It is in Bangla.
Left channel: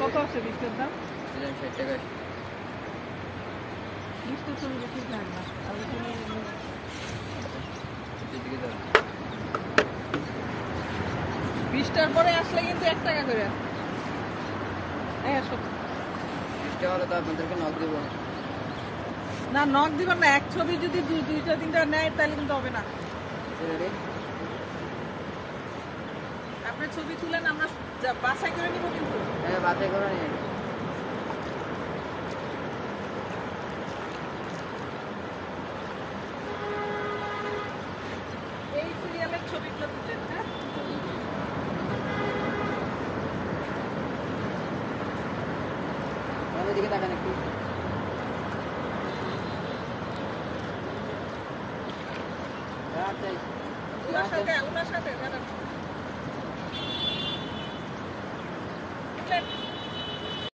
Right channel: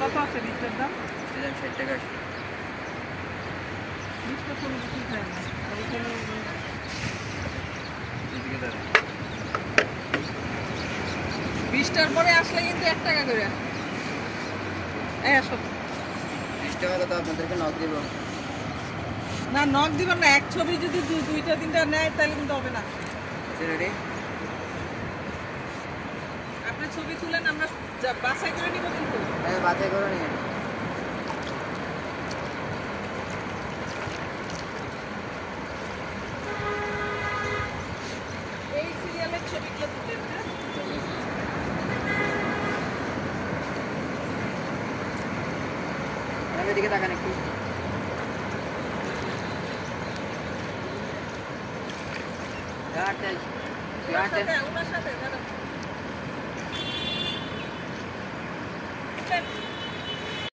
কত আছে বিস্টের দাম? 60 টাকা। বিস্টটা চলে বেশি খায় না। আর ওখানে বিস্টার পরে আসলে কিন্তু 1 টাকা করে। এই আসো। 20 টাকা হলে তো আপনাদেরকে নক দিব। না নক দিবেন না, এক ছবি যদি দুইটা তিনটা নেয় তাহলে কিন্তু হবে না। রেডি? আপনি ছবি তুলেন, আমরা বাছাই করে নিব কিন্তু। হ্যাঁ, বাছাই করে নিন। এই সিরিয়ালের ছবিগুলো তুলেন। আমাদের দিকে তাকান একটু। হ্যাঁ